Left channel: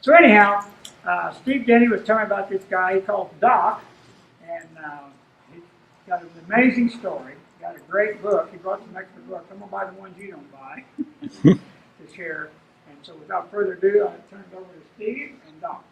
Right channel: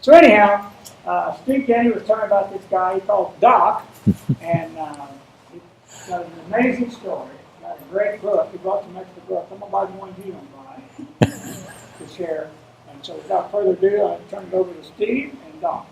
So anyhow, Steve Denny was telling me about this guy he called Doc, and he's got an amazing story. He got a great book. He brought some extra books. I'm going to buy the ones you don't buy to share. And so without further ado, I'll turn it over to Steve and Doc.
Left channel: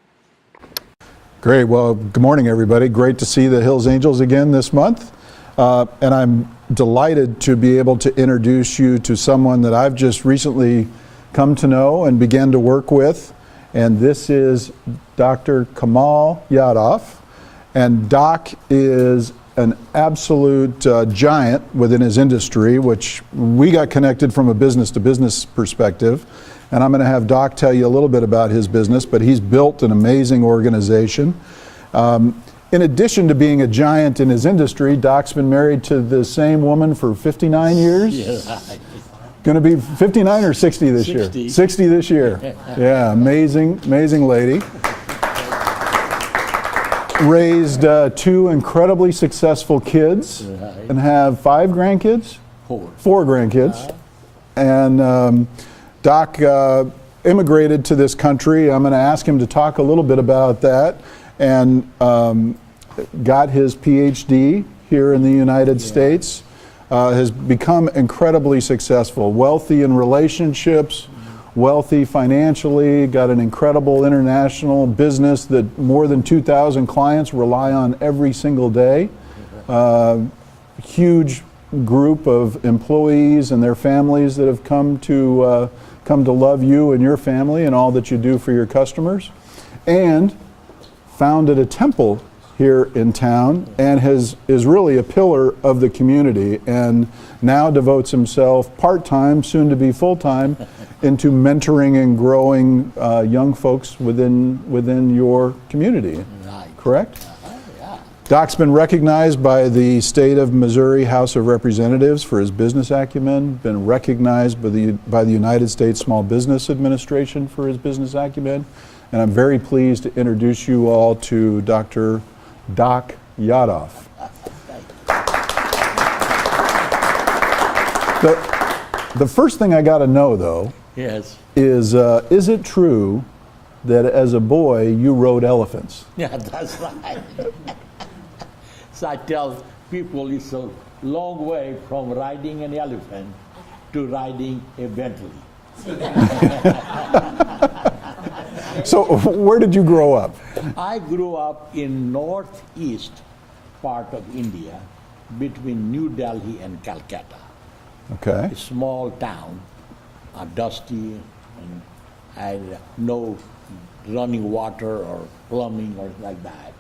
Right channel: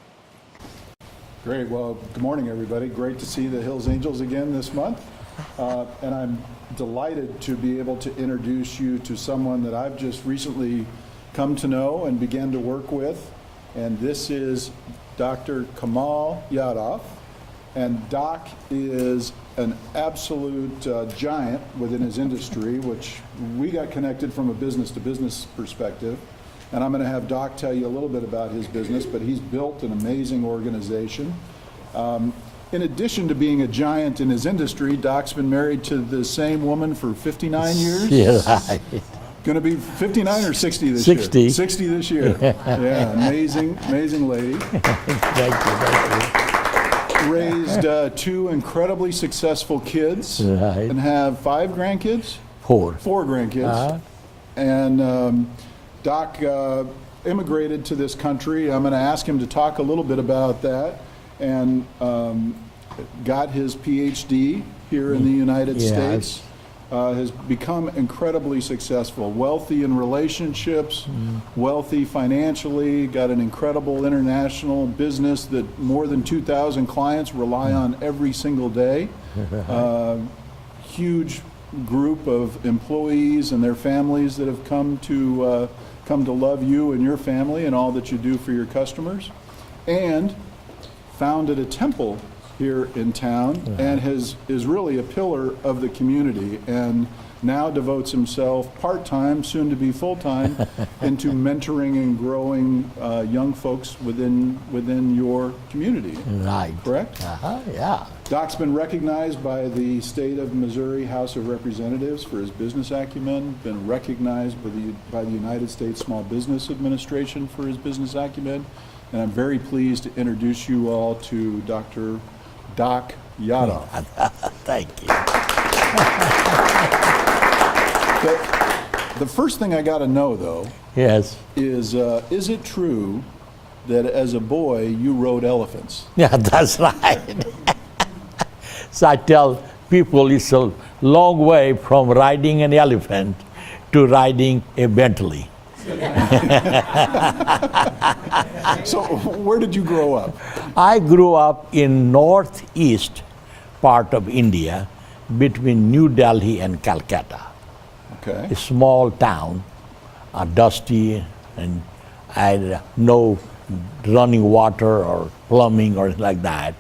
Great. Well, good morning, everybody. Great to see the Hills Angels again this month. And I'm delighted to be able to introduce you to someone that I've just recently come to know and began to work with. And this is Dr. Kamal Yadav. And Doc is an absolute giant within his industry, which we got connected from a business-to-business perspective. And I'm going to have Doc tell you a little bit about his business, but he's built an amazing organization. In addition to being a giant in his industry, Doc's been married to the same woman for 59 years. Yeah. Going to be 59 or 60 this year? 60. 60 this year. Yeah, amazing lady. Thank you. Raised two incredibly successful kids, Right. and have 5 grandkids? Four. 4 grandkids. And Doc immigrated to this country. I'm going to ask him to talk a little bit about that, and got his PhD here in the United States. Has become incredibly successful, wealthy in relationships, wealthy financially, got an incredible international business that more than 2,000 clients rely on every single day. Huge group of employees and their families that have come to love you and your family and all that you do for your customers, and founded a temple here in town, and is really a pillar of the community, and now devotes himself part-time, soon to be full-time, into mentoring and growing young folks within your community. Right. Correct? Yeah. Doc's been recognized by the state of Missouri House of Representatives for his business acumen, been recognized by the United States Small Business Administration for his business acumen, and I'm very pleased to introduce you all to Dr. Doc Yadav. Thank you. The first thing I got to know, though, Yes. is it true that as a boy you rode elephants? Yeah, that's right. So I tell people it's a long way from riding an elephant to riding a Bentley. So where did you grow up? I grew up in northeast part of India between New Delhi and Calcutta. Okay. A small town, dusty, and I had no running water or plumbing or anything like that.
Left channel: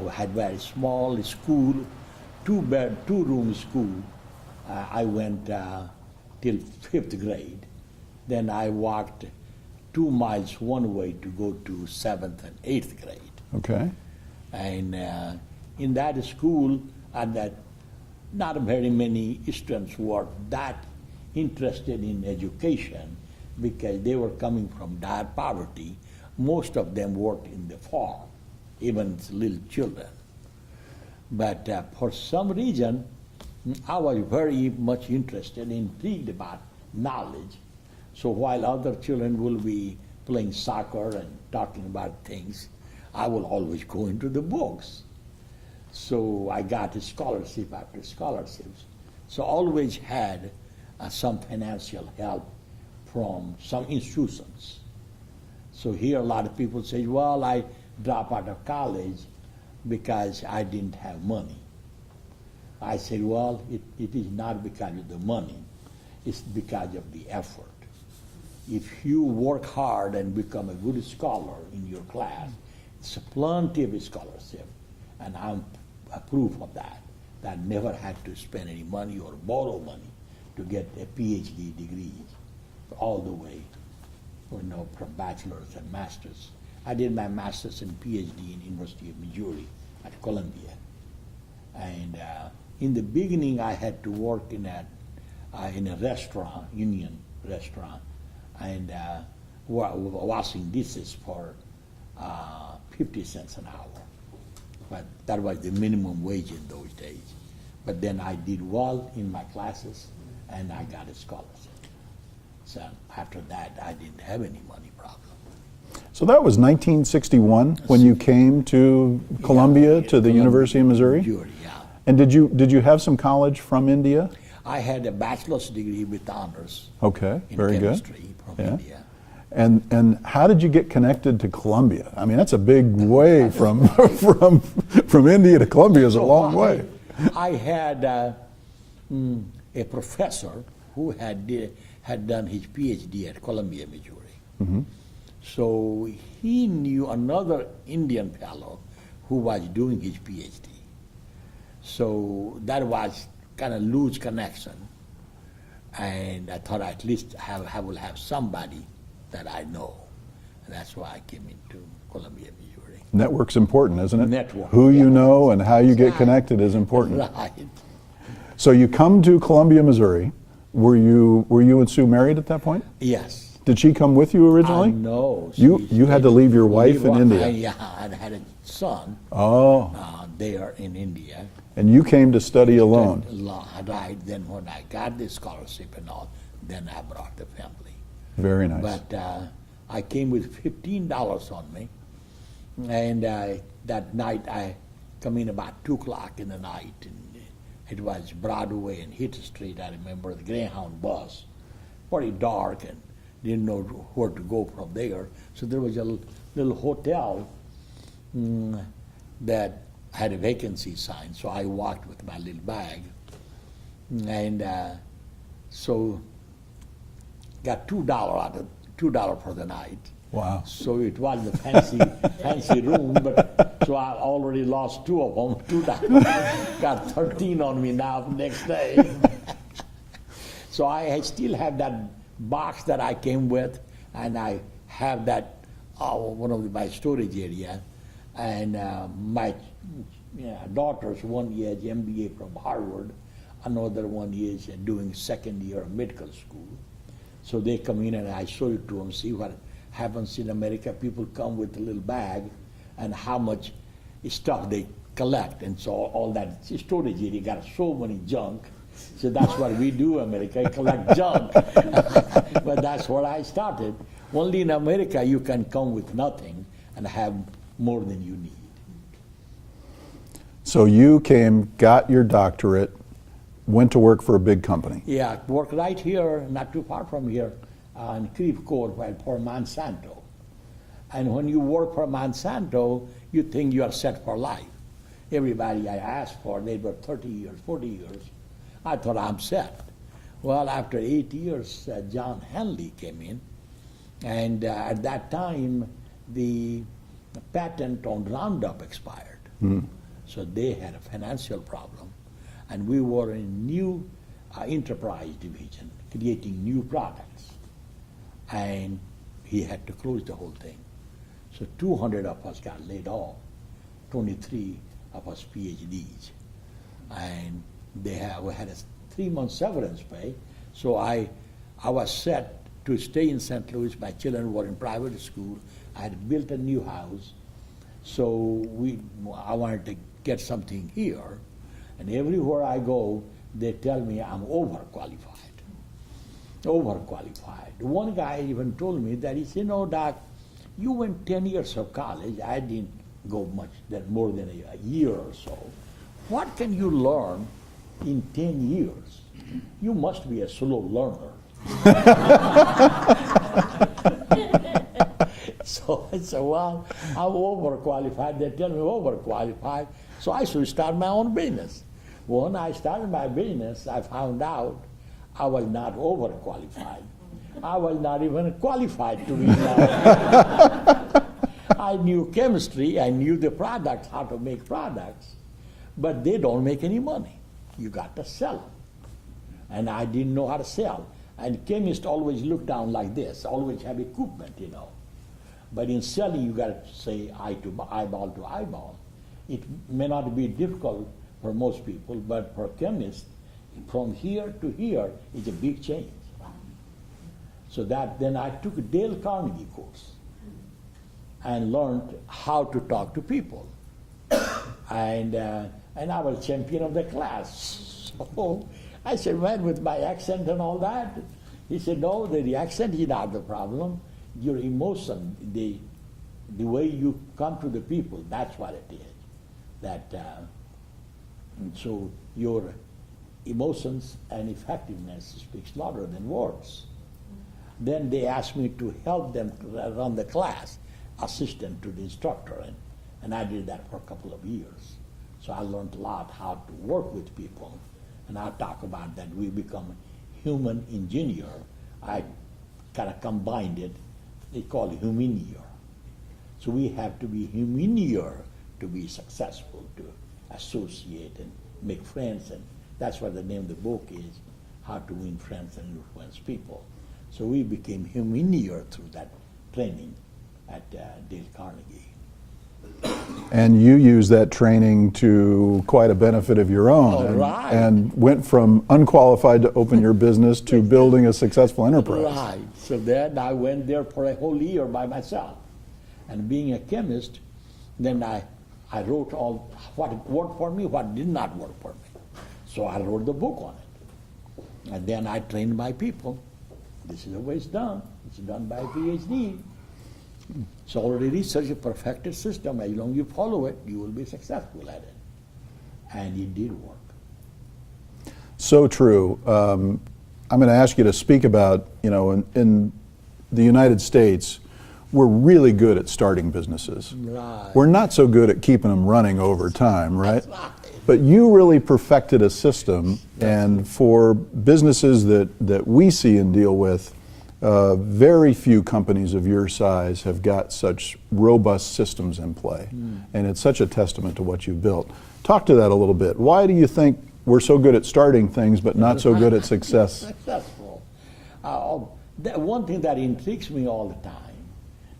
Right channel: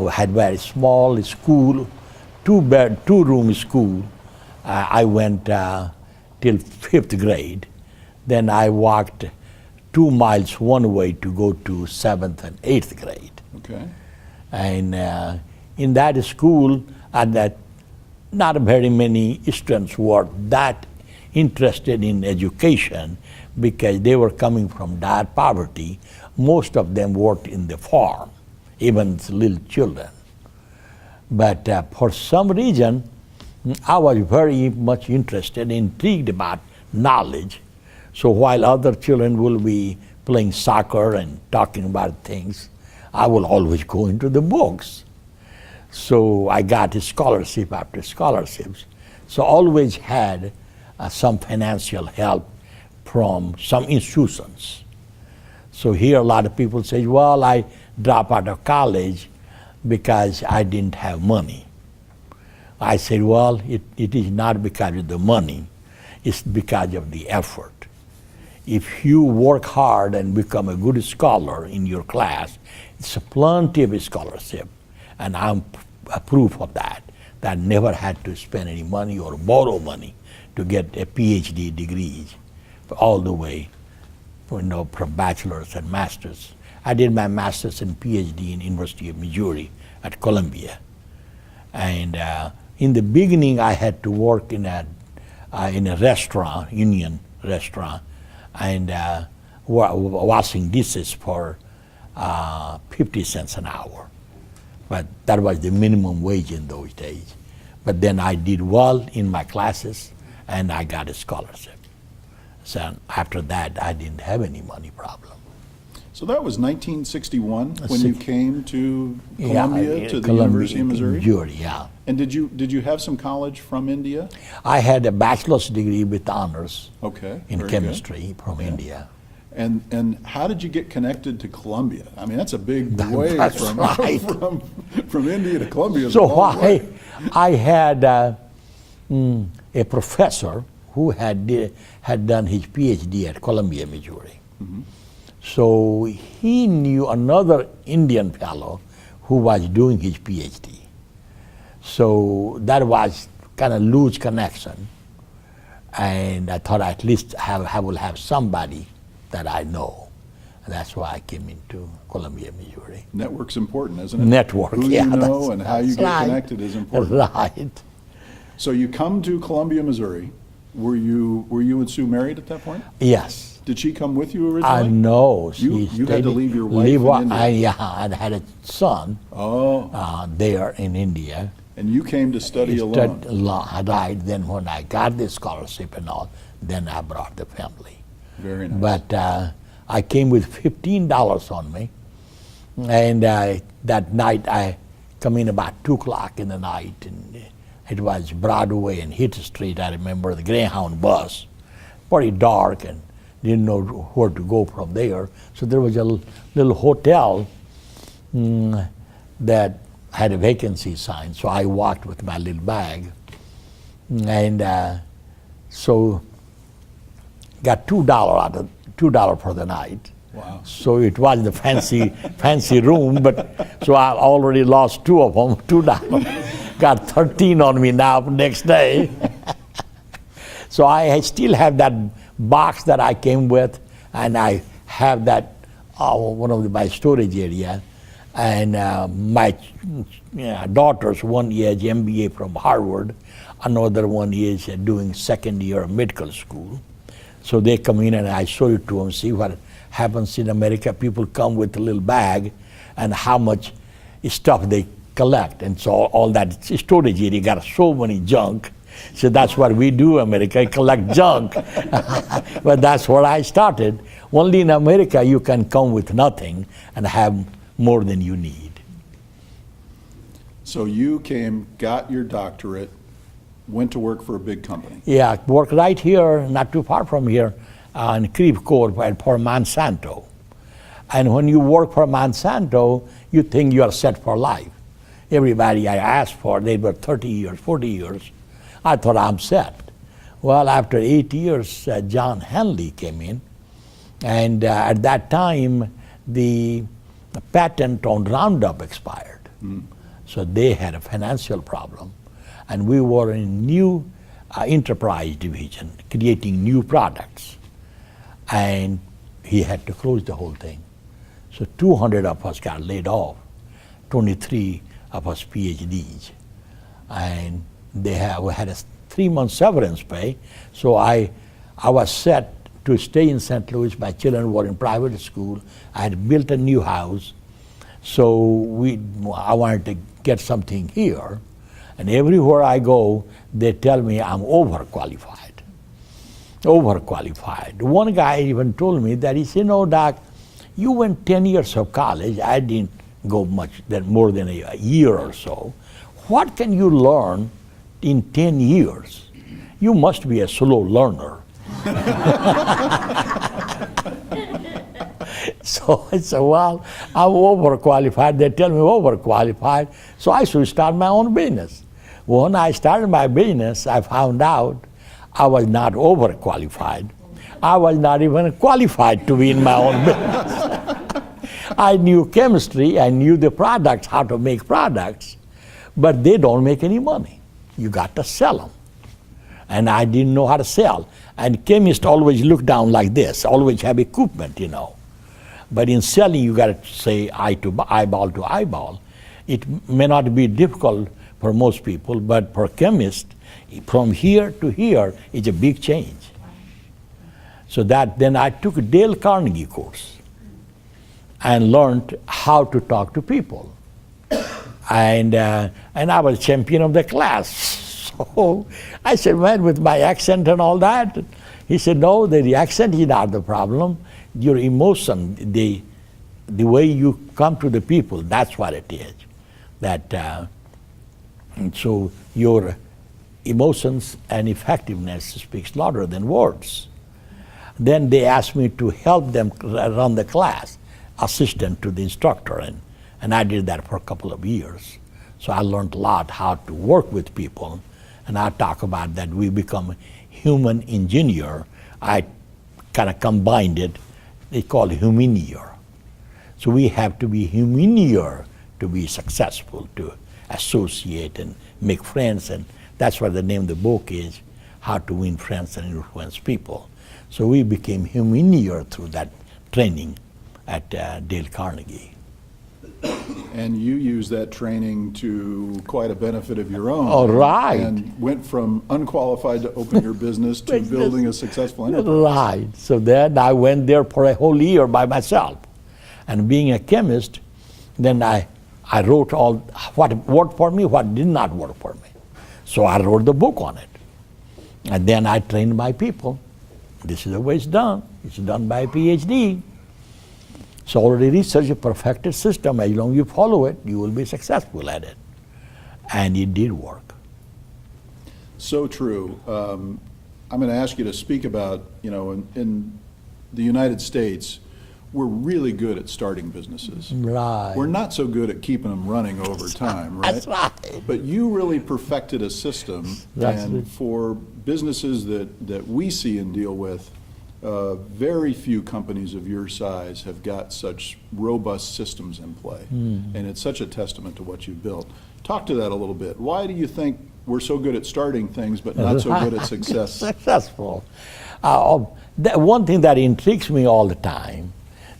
We had very small school, two-room school. I went till 5th grade. Then I walked 2 miles one way to go to 7th and 8th grade. Okay. And in that school, not very many students were that interested in education because they were coming from dire poverty. Most of them worked in the farm, even little children. But for some reason, I was very much interested, intrigued about knowledge. So while other children will be playing soccer and talking about things, I will always go into the books. So I got a scholarship after scholarships. So always had some financial help from some institutions. So here a lot of people say, well, I dropped out of college because I didn't have money. I said, well, it is not because of the money, it's because of the effort. If you work hard and become a good scholar in your class, it's plenty of a scholarship, and I'm a proof of that. That I never had to spend any money or borrow money to get a PhD degree, all the way, from bachelor's and master's. I did my master's and PhD in University of Missouri at Columbia, and in the beginning I had to work in a restaurant, union restaurant, and washing dishes for 50 cents an hour. But that was the minimum wage in those days. But then I did well in my classes, and I got a scholarship. So after that, I didn't have any money problem. So that was 1961 when you came to Columbia, to the University of Missouri? Missouri, yeah. And did you have some college from India? I had a bachelor's degree with honors Okay, in very chemistry from India. And how did you get connected to Columbia? I mean, that's a big way That's from, right. from India to Columbia is a long way. I had a professor who had done his PhD at Columbia, Missouri. Mm-hmm. So he knew another Indian fellow who was doing his PhD. So that was kind of loose connection. And I thought at least I will have somebody that I know. And that's why I came into Columbia, Missouri. Network's important, isn't it? Network, Who yeah, you know and how you get right. connected is important. Right. So you come to Columbia, Missouri. Were you and Sue married at that point? Yes. Did she come with you originally? No. You had to leave your wife in India. Yeah, I had a son there in India. And you came to study alone. Right. Then when I got the scholarship and all, then I brought the family. Very nice. But I came with $15 on me. And that night I come in about 2 o'clock in the night. And it was Broadway and Hitt Street. I remember the Greyhound bus. Pretty dark and didn't know where to go from there. So there was a little hotel that had a vacancy sign. So I walked with my little bag. And so got $2 for the night. Wow. So it was the fancy room, but so I already lost 2 of them, $2. Got 13 on me now next day. So I still have that box that I came with, and I have that one of my storage area. And my daughters, one is MBA from Harvard, another one is doing second year of medical school. So they come in and I show it to them, see what happens in America. People come with a little bag and how much stuff they collect. And so all that storage area got so many junk. So that's what we do in America, collect junk. But that's where I started. Only in America you can come with nothing and have more than you need. So you came, got your doctorate, went to work for a big company. Yeah, work right here, not too far from here, in Creve Coeur for Monsanto. And when you work for Monsanto, you think you are set for life. Everybody I asked for, they were 30 years, 40 years. I thought I'm set. Well, after 8 years, John Henley came in. And at that time, the patent on Roundup expired. So they had a financial problem. And we were in new enterprise division, creating new products. And he had to close the whole thing. So 200 of us got laid off, 23 of us PhDs. And we had a 3-month severance pay. So I was set to stay in St. Louis. My children were in private school. I had built a new house. So I wanted to get something here. And everywhere I go, they tell me I'm overqualified. Overqualified. One guy even told me that he said, "No, Doc, you went 10 years of college. I didn't go more than a year or so. What can you learn in 10 years? You must be a slow learner." So I said, "Well, I'm overqualified. They tell me overqualified, so I should start my own business." When I started my business, I found out I was not overqualified. I was not even qualified to be in my own business. I knew chemistry, I knew the products, how to make products, but they don't make any money. You got to sell them. And I didn't know how to sell. And chemists always look down like this, always have equipment, you know. But in selling, you got to say eyeball to eyeball. It may not be difficult for most people, but for chemists, from here to here is a big change. So then I took a Dale Carnegie course and learned how to talk to people. And I was champion of the class. So I said, "Man, with my accent and all that, He said, no, the reaction is not the problem. Your emotion, the way you come to the people, that's what it is. And so your emotions and effectiveness speaks louder than words. Then they asked me to help them run the class, assistant to the instructor, and I did that for a couple of years. So I learned a lot how to work with people, and I talk about that we become human engineer. I kind of combined it. They call it humanior. So we have to be humanior to be successful, to associate and make friends, and that's what the name of the book is, How to Win Friends and Influence People. So we became humanior through that training at Dale Carnegie. And you used that training to quite a benefit of your own. Oh, right. And went from unqualified to open your business to building a successful enterprise. Right. So then I went there for a whole year by myself. And being a chemist, then I wrote all what worked for me, what did not work for me. So I wrote the book on it. And then I trained my people. This is the way it's done. It's done by a PhD. So already research a perfected system. As long as you follow it, you will be successful at it. And it did work. So true. I'm going to ask you to speak about, in the United States, we're really good at starting businesses. Right. We're not so good at keeping them running over time, right? That's right. But you really perfected a system, and for businesses that we see and deal with, very few companies of your size have got such robust systems in play. And it's such a testament to what you've built. Talk to that a little bit. Why do you think we're so good at starting things but not so good at success? Successful. One thing that intrigues me all the time,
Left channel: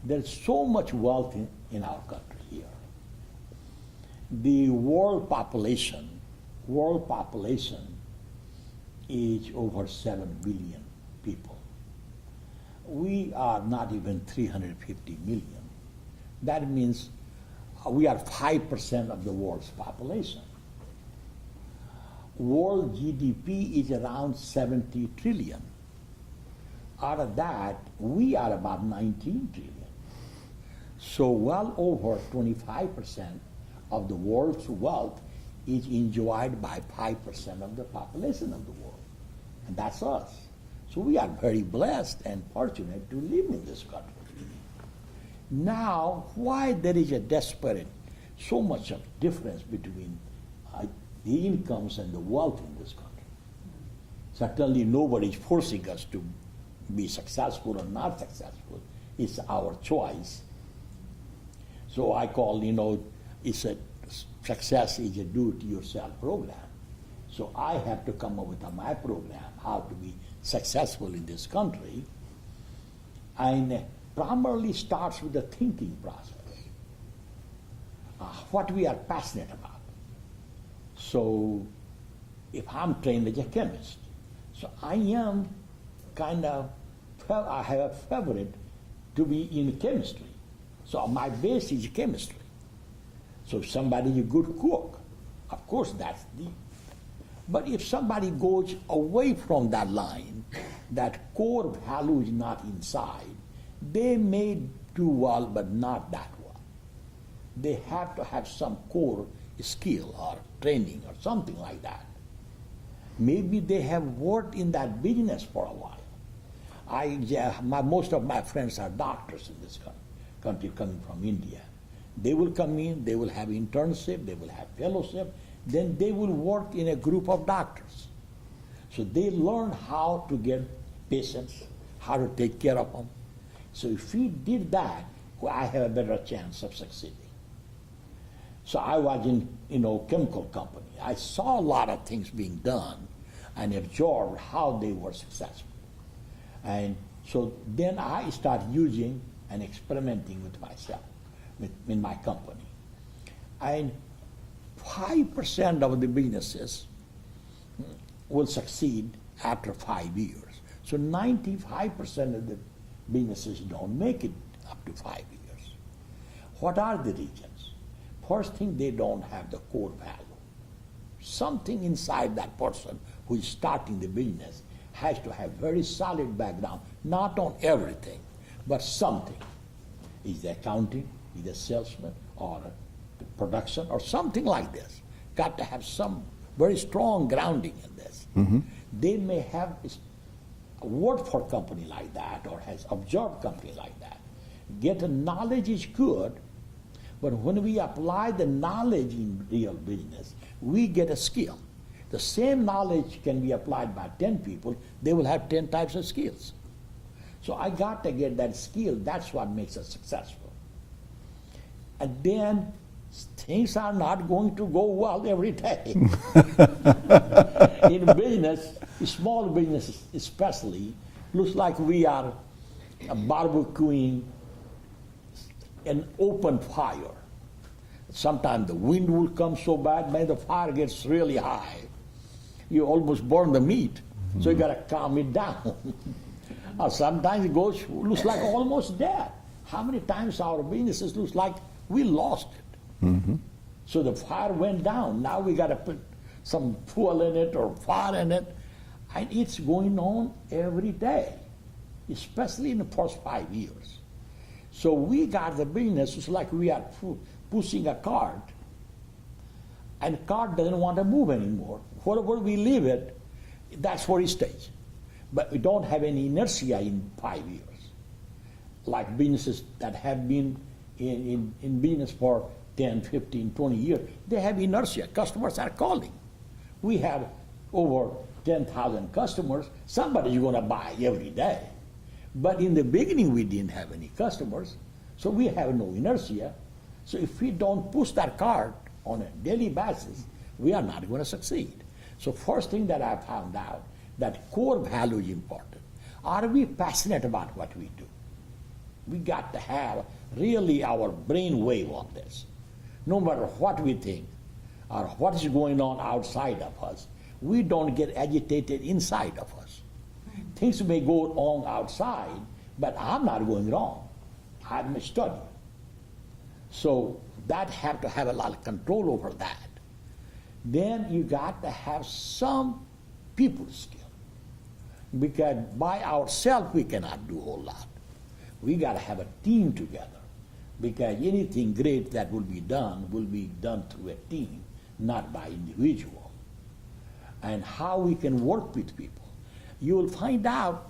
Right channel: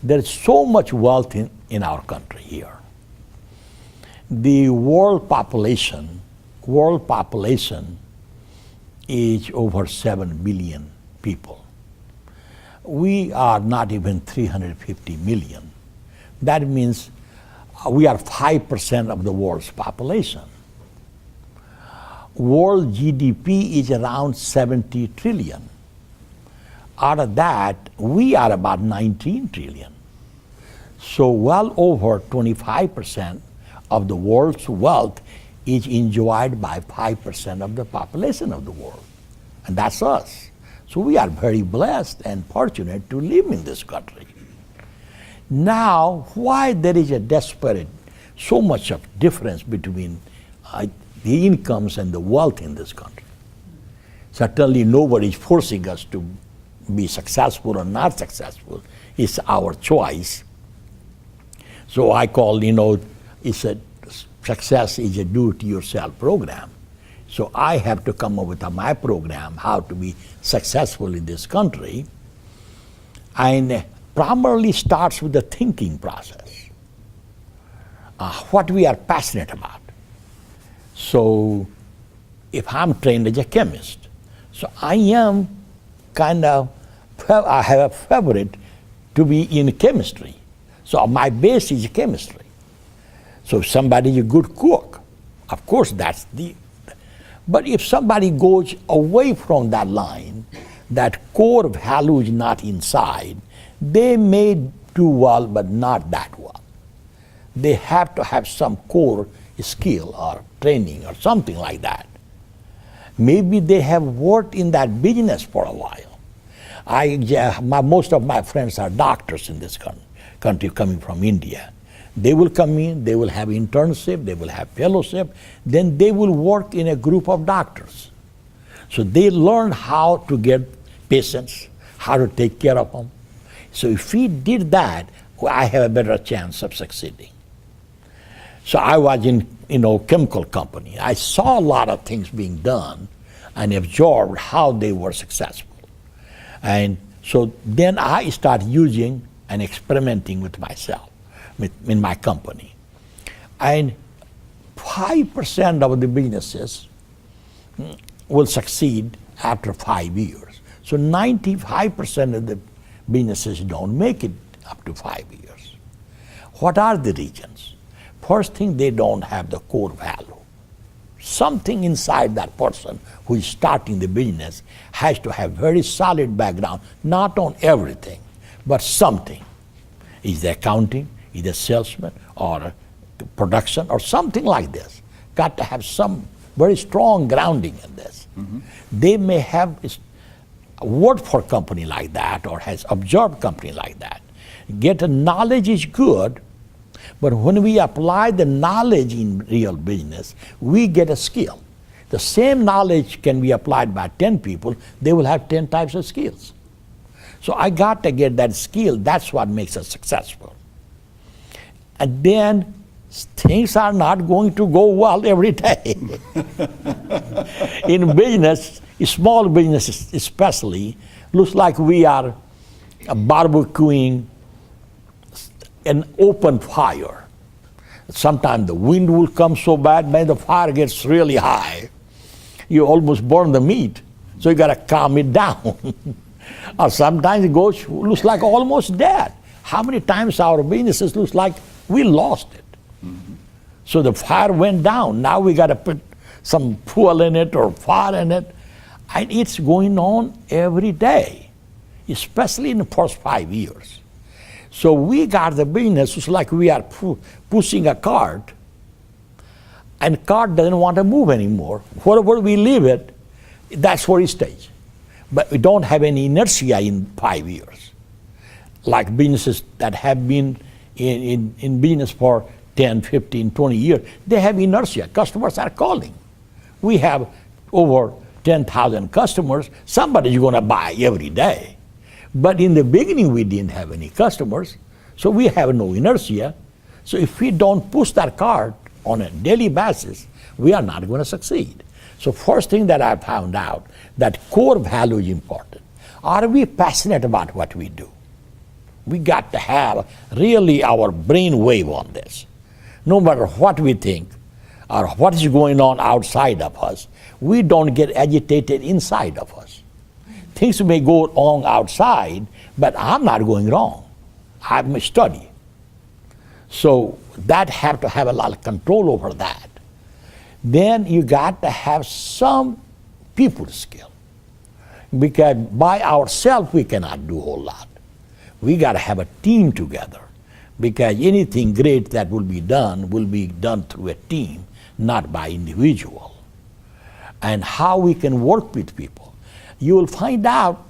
there's so much wealth in our country here. The world population is over 7 billion people. We are not even 350 million. That means we are 5% of the world's population. World GDP is around 70 trillion. Out of that, we are about 19 trillion. So well over 25% of the world's wealth is enjoyed by 5% of the population of the world. And that's us. So we are very blessed and fortunate to live in this country. Now, why there is a so much of difference between the incomes and the wealth in this country? Certainly nobody is forcing us to be successful or not successful. It's our choice. So I call, success is a do-it-yourself program. So I have to come up with my program, how to be successful in this country. And primarily starts with the thinking process. What we are passionate about. So if I'm trained as a chemist, so I am I have a favorite to be in chemistry. So my base is chemistry. So if somebody is a good cook, of course that's but if somebody goes away from that line, that core value is not inside, they may do well, but not that well. They have to have some core skill or training or something like that. Maybe they have worked in that business for a while. Most of my friends are doctors in this country coming from India. They will come in, they will have internship, they will have fellowship, then they will work in a group of doctors. So they learn how to get patients, how to take care of them. So if we did that, I have a better chance of succeeding. So I was in chemical company. I saw a lot of things being done and absorbed how they were successful. And so then I started using and experimenting with myself, in my company. And 5% of the businesses will succeed after 5 years. So 95% of the businesses don't make it up to 5 years. What are the reasons? First thing, they don't have the core value. something inside that person who is starting the business has to have very solid background, not on everything, but something. Is the accounting, is the salesman, or production, or something like this. Got to have some very strong grounding in this. They may have worked for a company like that or has observed company like that. Get a knowledge is good, but when we apply the knowledge in real business, we get a skill. The same knowledge can be applied by 10 people, they will have 10 types of skills. So I got to get that skill, that's what makes us successful. And then things are not going to go well every day. In business, small businesses especially, looks like we are barbecuing an open fire. Sometimes the wind will come so bad, when the fire gets really high, you almost burn the meat. So you got to calm it down. Or sometimes it looks like almost dead. How many times our businesses looks like we lost it? So the fire went down. Now we got to put some fuel in it or fire in it. And it's going on every day, especially in the first 5 years. So we got the business, it's like we are pushing a cart, and cart doesn't want to move anymore. Wherever we leave it, that's where it stays. But we don't have any inertia in 5 years. Like businesses that have been in business for 10, 15, 20 years, they have inertia. Customers are calling. We have over 10,000 customers. Somebody's going to buy every day. But in the beginning, we didn't have any customers, so we have no inertia. So if we don't push that cart on a daily basis, we are not going to succeed. So first thing that I found out, that core value is important. Are we passionate about what we do? We got to have really our brain wave on this. No matter what we think or what is going on outside of us, we don't get agitated inside of us. Things may go wrong outside, but I'm not going wrong. I'm a study. So that have to have a lot of control over that. Then you got to have some people skill. Because by ourselves we cannot do a whole lot. We got to have a team together. Because anything great that will be done through a team, not by individual. And how we can work with people. You will find out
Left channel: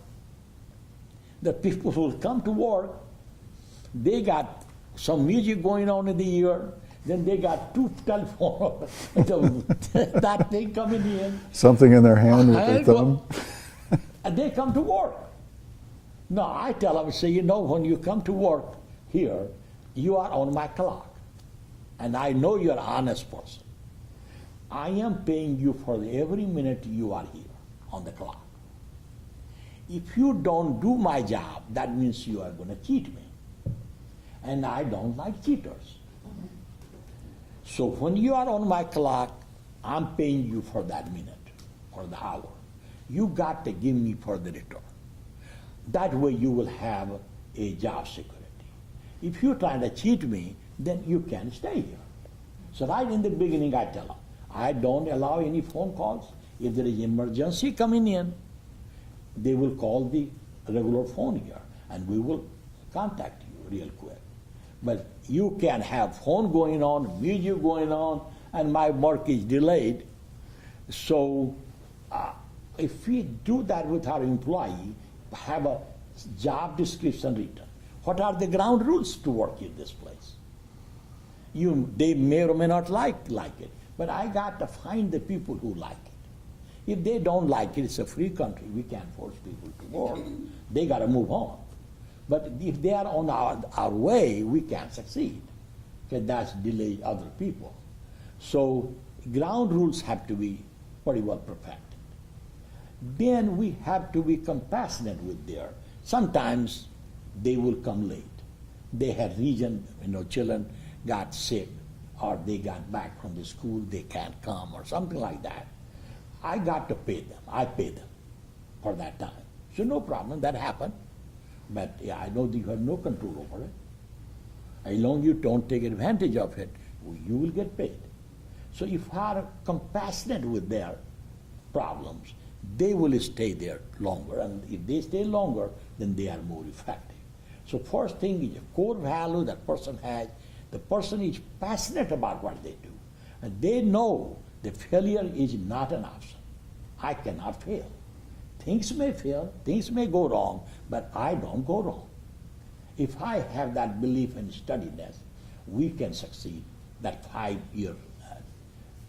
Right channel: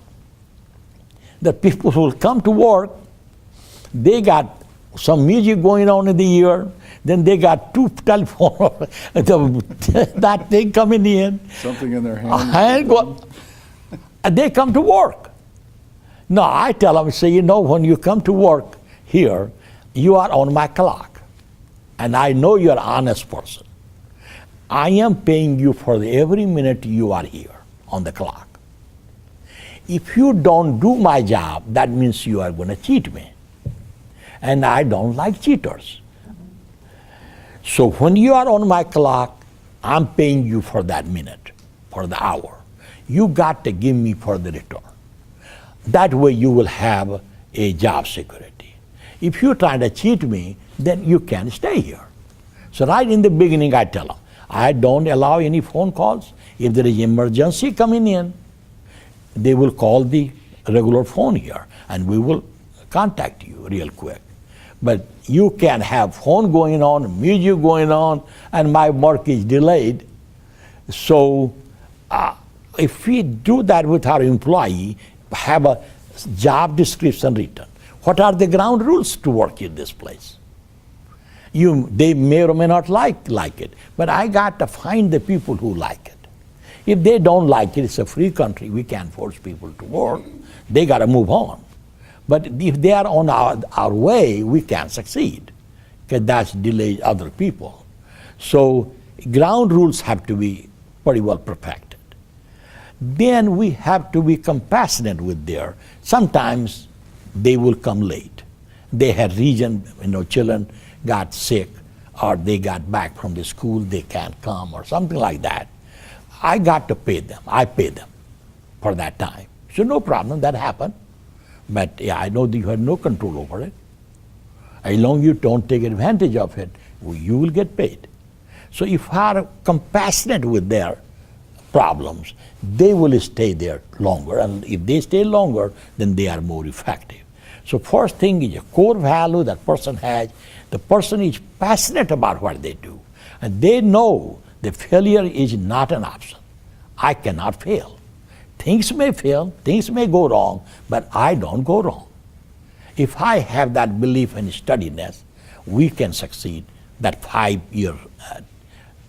that people who will come to work, they got some music going on in the ear, then they got two telephones, that thing coming in. Something in their hand. And they come to work. No, I tell them, say, you know, when you come to work here, you are on my clock. And I know you're an honest person. I am paying you for every minute you are here on the clock. If you don't do my job, that means you are going to cheat me. And I don't like cheaters. So when you are on my clock, I'm paying you for that minute, for the hour. You got to give me for the return. That way you will have a job security. If you try to cheat me, then you can't stay here. So right in the beginning, I tell them, I don't allow any phone calls. If there is emergency coming in, they will call the regular phone here, and we will contact you real quick. But you can have phone going on, music going on, and my work is delayed. So if we do that with our employee, have a job description written. What are the ground rules to work in this place? They may or may not like it, but I got to find the people who like it. If they don't like it, it's a free country, we can't force people to work. They got to move on. But if they are on our way, we can't succeed, because that's delays other people. So ground rules have to be pretty well perfected. Then we have to be compassionate with their, sometimes they will come late. They had reason, children got sick, or they got back from the school, they can't come, or something like that. I got to pay them. I pay them for that time. So no problem, that happened. But yeah, I know that you have no control over it. As long as you don't take advantage of it, you will get paid. So if are compassionate with their problems, they will stay there longer. And if they stay longer, then they are more effective. So first thing is a core value that person has. The person is passionate about what they do. And they know that failure is not an option. I cannot fail. Things may fail, things may go wrong, but I don't go wrong. If I have that belief and steadiness, we can succeed. That 5 year,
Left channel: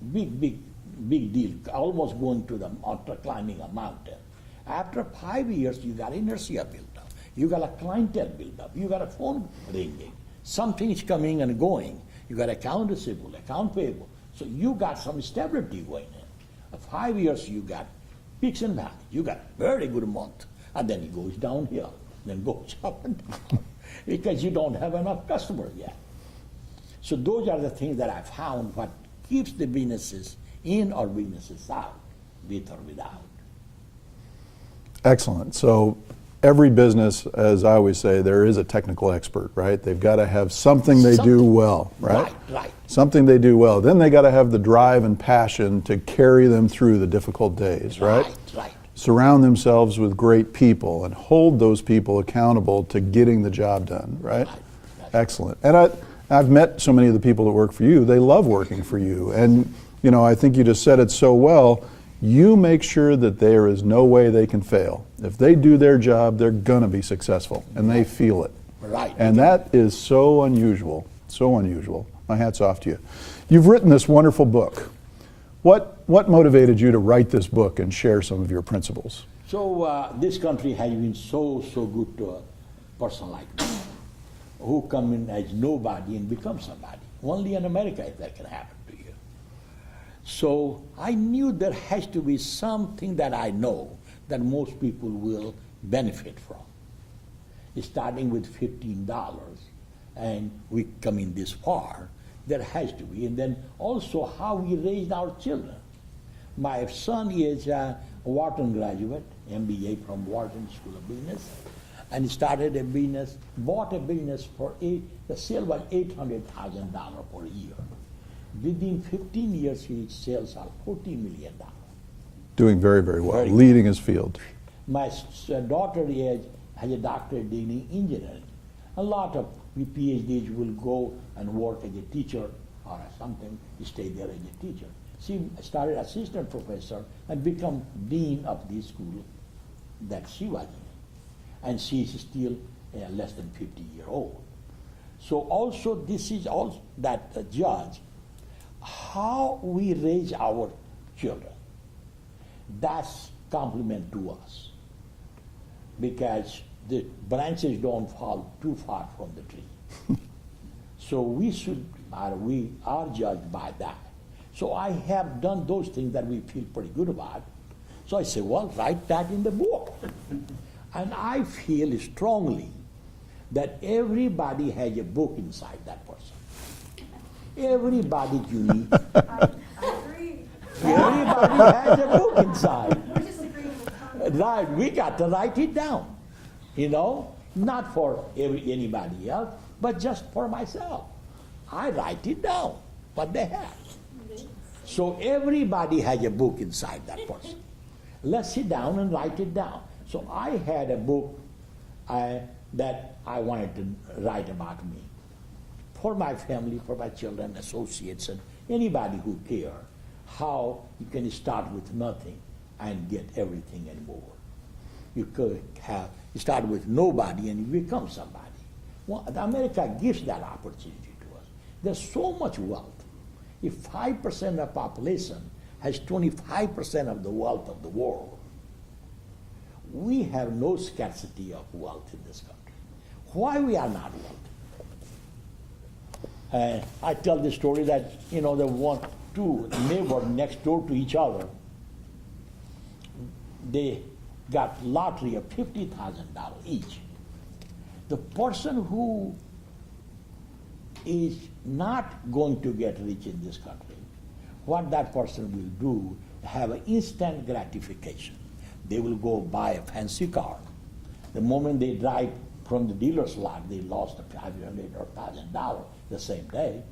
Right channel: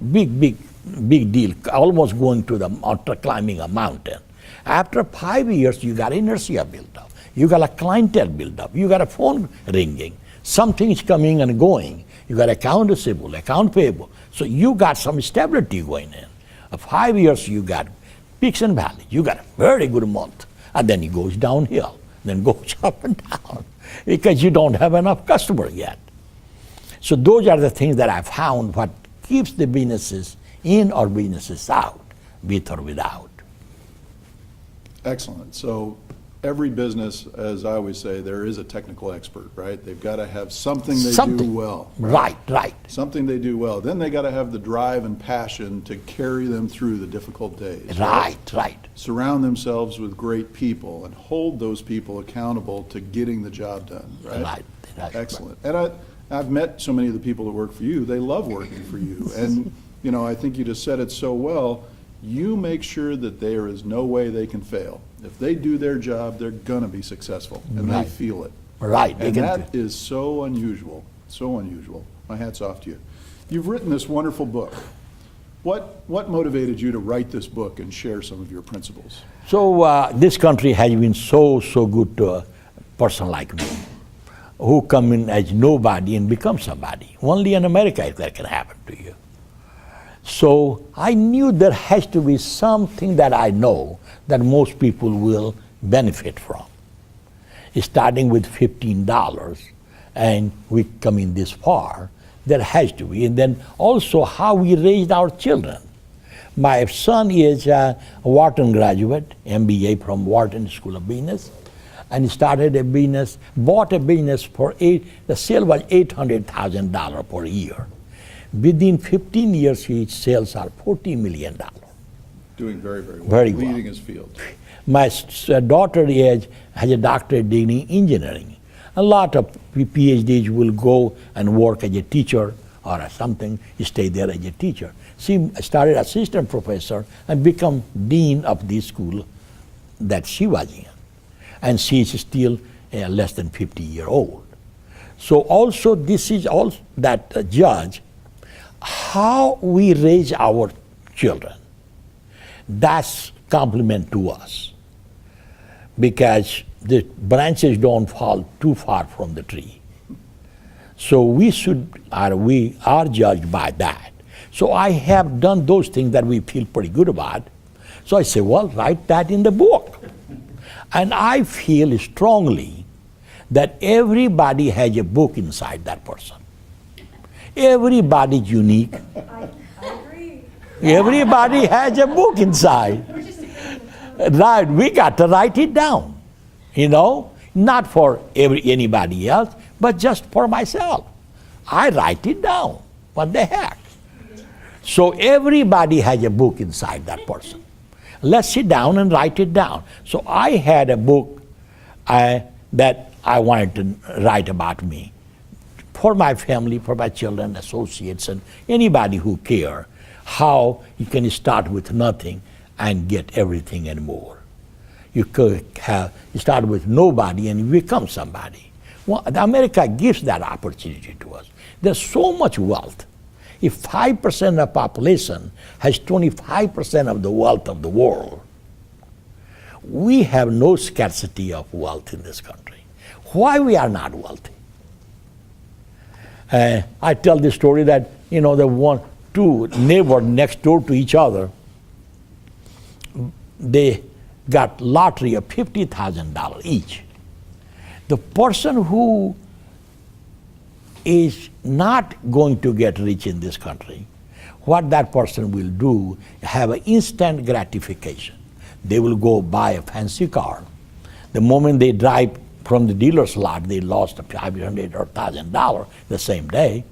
big deal, almost going to the mountain, climbing a mountain. After 5 years, you got inertia built up. You got a clientele built up. You got a phone ringing. Something is coming and going. You got account receivable, account payable. So you got some stability going in. 5 years, you got peaks and valleys. You got a very good month. And then it goes downhill, then goes up and down because you don't have enough customers yet. So those are the things that I found what keeps the businesses in or businesses out, with or without. Excellent. So every business, as I always say, there is a technical expert, right? They've got to have something they do well. Right. Something they do well. Then they got to have the drive and passion to carry them through the difficult days. Right. Surround themselves with great people and hold those people accountable to getting the job done, right? Excellent. And I've met so many of the people that work for you. They love working for you. And, you know, I think you just said it so well. You make sure that there is no way they can fail. If they do their job, they're going to be successful, and they feel it. Right. And that is so unusual, so unusual. My hat's off to you. You've written this wonderful book. What motivated you to write this book and share some of your principles? So this country has been so good to a person like me, who come in as nobody and become somebody. Only in America that can happen to you. So I knew there has to be something that I know that most people will benefit from. Starting with $15 and we come in this far, there has to be. And then also how we raised our children. My son is a Wharton graduate, MBA from Wharton School of Business, and he started a business, bought a business for the sale was $800,000 per year. Within 15 years, his sales are $40 million. Doing very, very well, leading his field. My daughter has a doctorate degree in engineering. A lot of PhDs will go and work as a teacher or something, stay there as a teacher. She started assistant professor and become dean of the school that she was in. And she is still less than 50-year-old. So also this is also that judge how we raise our children. That's compliment to us, because the branches don't fall too far from the tree. So we are judged by that. So I have done those things that we feel pretty good about. So I say, well, write that in the book. And I feel strongly that everybody has a book inside that person. Everybody's unique. I agree. Everybody has a book inside. Right, we got to write it down, you know, not for anybody else, but just for myself. I write it down. What the heck? So everybody has a book inside that person. Let's sit down and write it down. So I had a book that I wanted to write about me, for my family, for my children, associates, and anybody who care, how you can start with nothing and get everything and more. You start with nobody and you become somebody. Well, America gives that opportunity to us. There's so much wealth. If 5% of population has 25% of the wealth of the world, we have no scarcity of wealth in this country. Why we are not wealthy? I tell the story that, you know, two neighbors next door to each other, they got lottery of $50,000 each. The person who is not going to get rich in this country, what that person will do, have an instant gratification. They will go buy a fancy car. The moment they drive from the dealer's lot, they lost $500 or $1,000 the same day,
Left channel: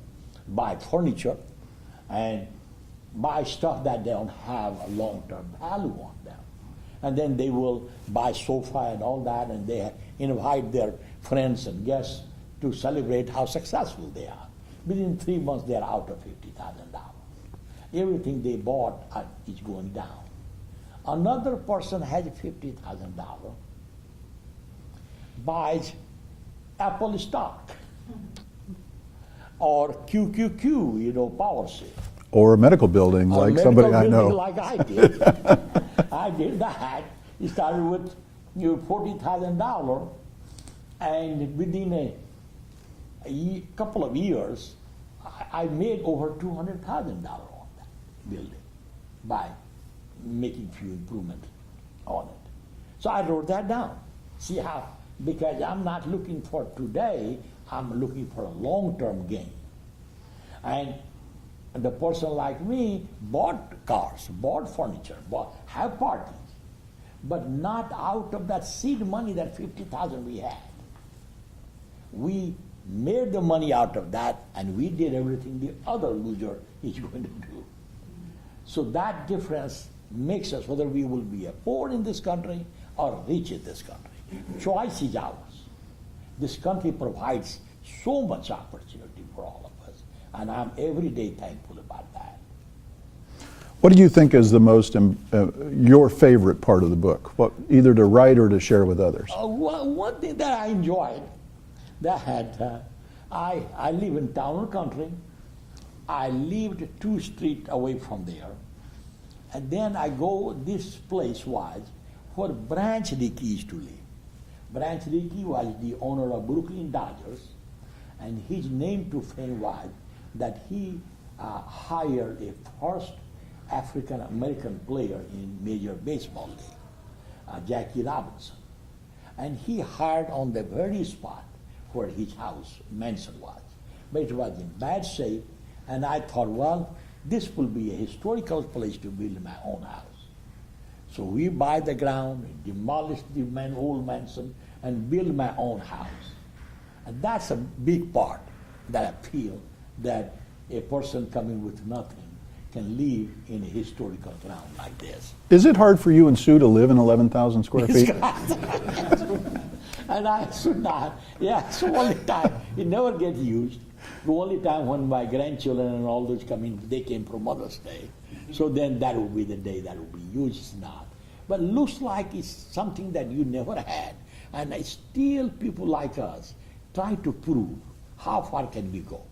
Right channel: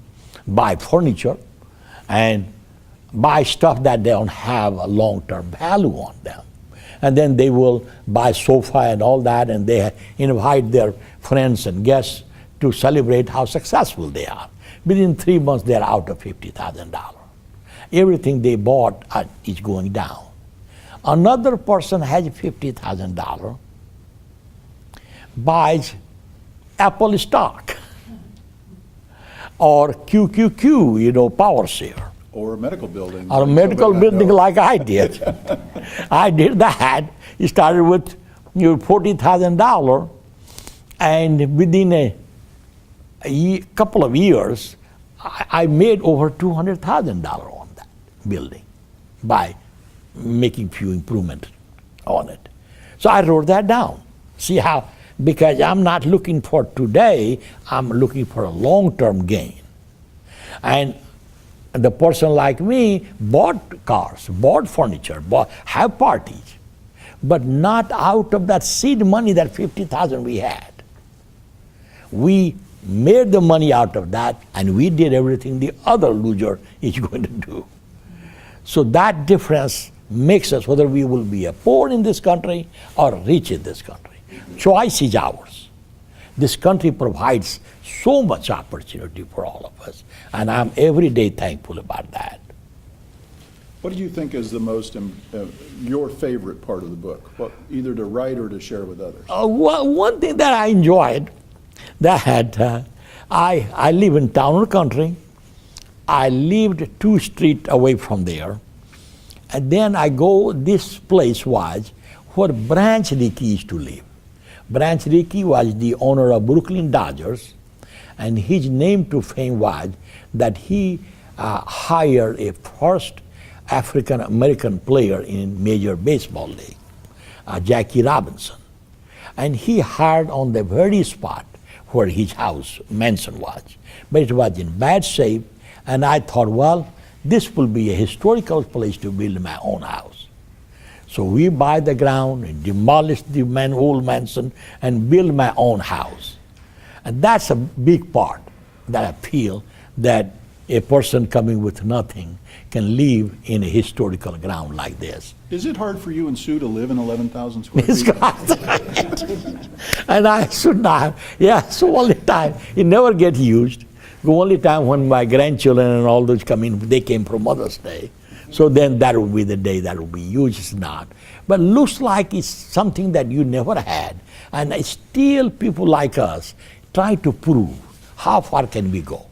buy furniture, and buy stuff that they don't have a long-term value on them. And then they will buy sofa and all that, and they invite their friends and guests to celebrate how successful they are. Within 3 months, they're out of $50,000. Everything they bought is going down. Another person has $50,000, buys Apple stock or QQQ, power share. Or a medical building. Or like a medical somebody I building know. like I did. I did that. It started with $40,000, and within a couple of years, I made over $200,000 on that building by making few improvements on it. So I wrote that down. See how, because I'm not looking for today, I'm looking for a long-term gain. And the person like me bought cars, bought furniture, have parties, but not out of that seed money, that $50,000 we had. We made the money out of that, and we did everything the other loser is going to do. So that difference makes us whether we will be a poor in this country or rich in this country. Choice is ours. This country provides so much opportunity for all of us, and I'm every day thankful about that. What do you think is the most, your favorite part of the book? What, either to write or to share with others? One thing that I enjoyed, that I live in town or country. I lived 2 streets away from there. And then I go, this place was where Branch Rickey used to live. Branch Rickey was the owner of Brooklyn Dodgers, and his name to fame was that he hired a first African American player in Major Baseball League, Jackie Robinson. And he hired on the very spot where his house, mansion was. But it was in bad shape, and I thought, well, this will be a historical place to build my own house. So we buy the ground and demolish the old mansion and build my own house. And that's a big part that I feel that a person coming with nothing can live in a historical ground like this. Is it hard for you and Sue to live in 11,000 square feet? And I should not. Yeah, so only time, it never get used. The only time when my grandchildren and all those come in, they came from Mother's Day. So then that will be the day that will be used. It's not. But looks like it's something that you never had. And still people like us try to prove how far can we go?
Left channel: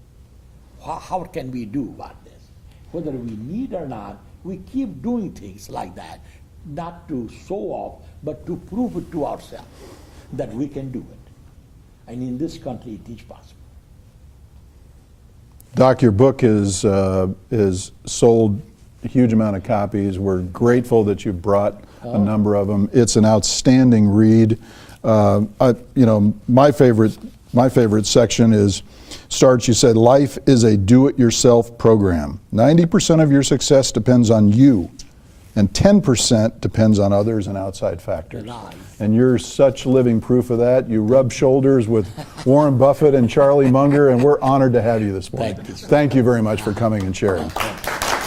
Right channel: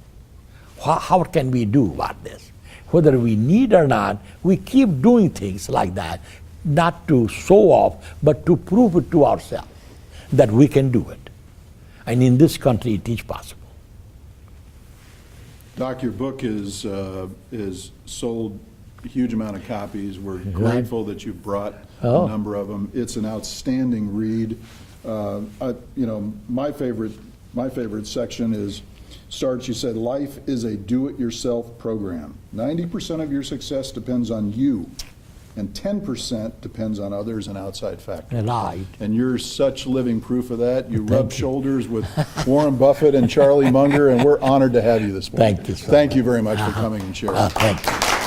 How can we do about this? Whether we need or not, we keep doing things like that, not to show off, but to prove it to ourselves that we can do it. And in this country, it is possible. Doc, your book is sold a huge amount of copies. We're grateful that you brought a number of them. It's an outstanding read. My favorite section starts, you said, life is a do-it-yourself program. 90% of your success depends on you, and 10% depends on others and outside factors. Right. And you're such living proof of that. You rub shoulders with Warren Buffett and Charlie Munger, and we're honored to have you this morning. Thank you, sir. Thank you very much for coming and sharing. Thank you.